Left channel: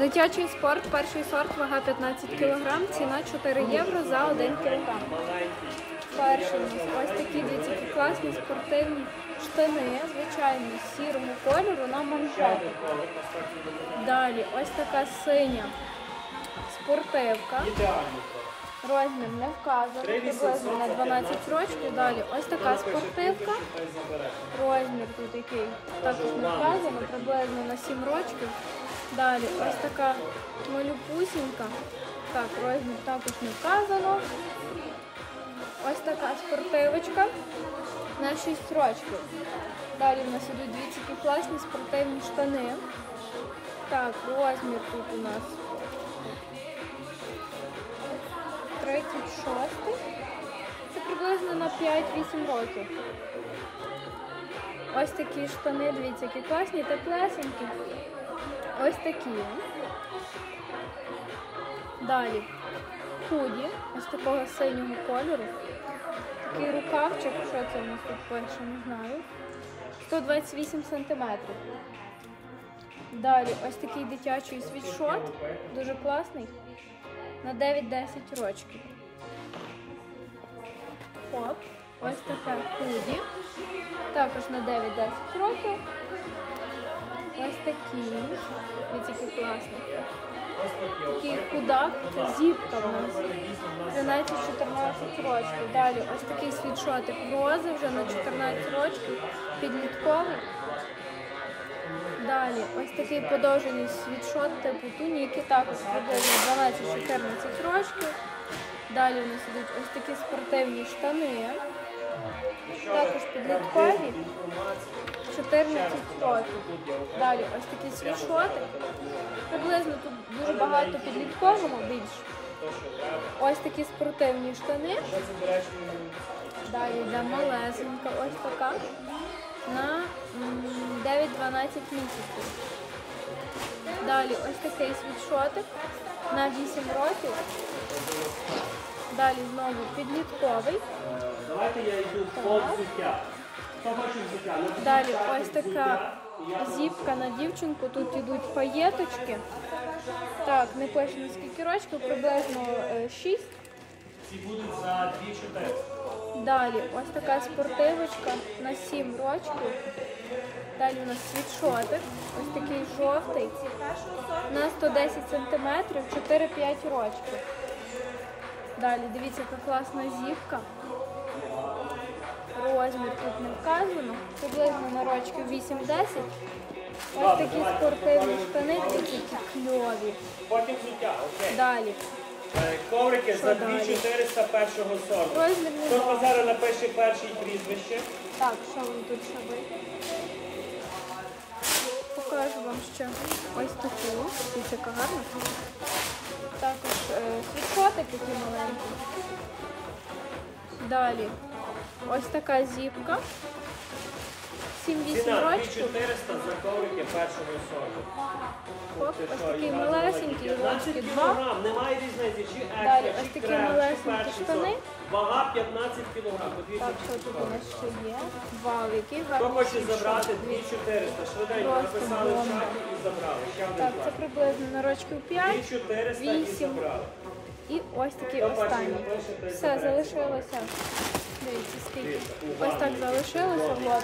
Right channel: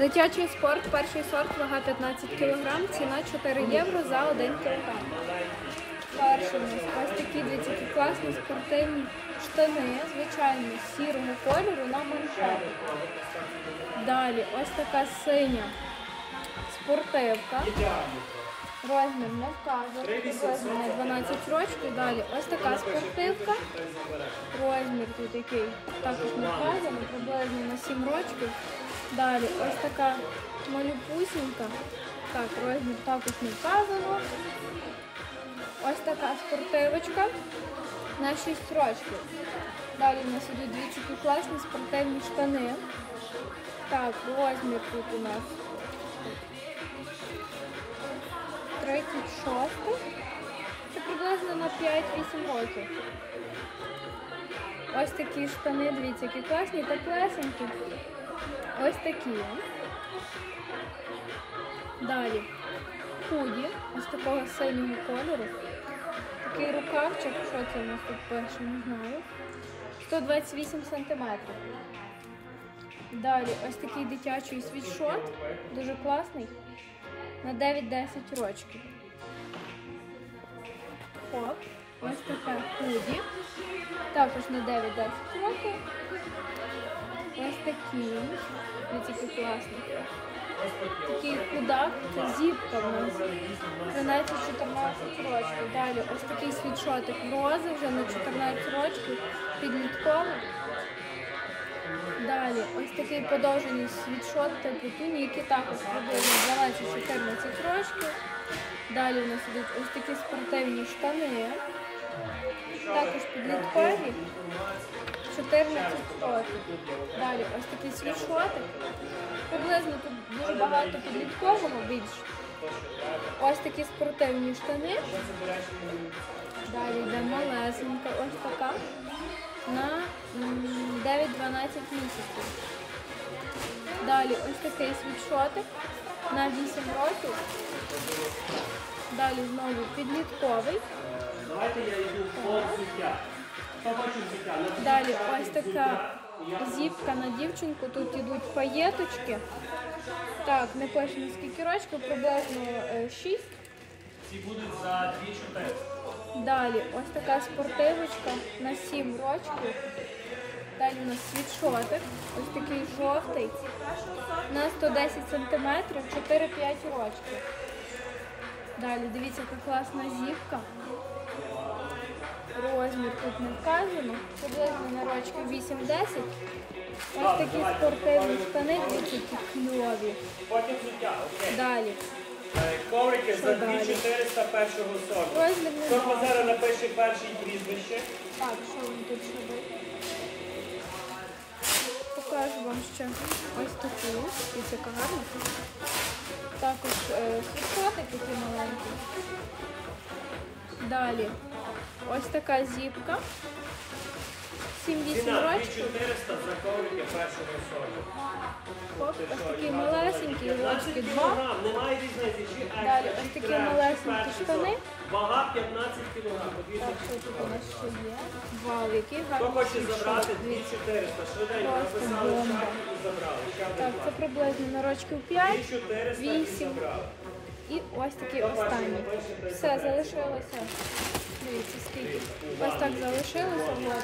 Дитячий спорт, перший сорт, вага 15 кг, ціна 4 євро за 1 кг. Перший у нас ось такі дивіться, які класні спортивні штани, звичайні, сірого кольору на манжети. Далі ось така синя спортивка. Розмір не вказано, приблизно на 12 років. Далі ось така спортивка. Розмір тут який також не вказано, приблизно на 7 років. Далі ось така малюпусінька. Так, розмір також не вказано. Ось така спортивочка на 6 років. Далі в нас ідуть дві такі класні спортивні штани. Так, розмір тут у нас 36. Це приблизно на 5-8 років. Ось такі штани, дивіться, які класні, теплесенькі. Ось такі. Далі худі, ось такого синього кольору. Такий рукавчик, що це у нас тут пише, не знаю. 128 сантиметрів. Далі ось такий дитячий світшот, дуже класний, на 9-10 рочків. Хоп, ось таке худі, також на 9-10 років. Ось такий, ось такий класний. Такий худак, це зіпка в нас. 13-14 років. Далі ось такий світшотик рози вже на 14 років, підлітковий. Далі ось такий подовжений світшот типу туніки, також приблизно 12-14 років. Далі у нас ідуть ось такі спортивні штани, також підліткові, 14 років. Далі ось такий світшотик. Приблизно тут дуже багато підліткового більш. Ось такі спортивні штани. Далі йде малесенька, ось така на 9-12 місяців. Далі ось такий світшотик на 8 років. Далі знову підлітковий. Далі ось така зіпка на дівчинку. Тут йдуть паєточки. Так, не пише на скільки років, приблизно 6. Далі ось така спортивочка на 7 років. Далі у нас світшотик, ось такий жовтий, на 110 см, 4-5 років. Далі дивіться, яка класна зіпка. Розмір тут не вказано, приблизно на рочки 8-10. Ось такі спортивні штани, дивіться, які кльові. Далі. Коврики за далі? 2400 першого сорту. Розмір не Хто знаю. зараз напише перший прізвище? Так, що вам тут ще буде? Покажу вам ще ось таку. Дивіться, яка гарна. Також е, світшотик такий маленький. Далі ось така зіпка. 7-8 Ціна років. 2400 за коврики першого сорту. Оп, ось такий малесенький, рочки 2. Немає різниці, Далі ось такі малесенькі штани. Вага 15 кг. Так, що тут у нас ще є? Хоче світшот. забрати 2400, Просто бомба. Так, це приблизно на рочків 5. 2400 і ось такий останній. Все, залишилося. Дивіться, скільки. Ось так залишилося. влог.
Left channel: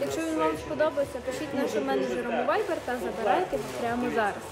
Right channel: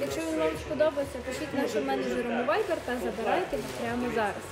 Якщо він вам сподобається, пишіть нашим менеджерам у Viber та забирайте прямо зараз.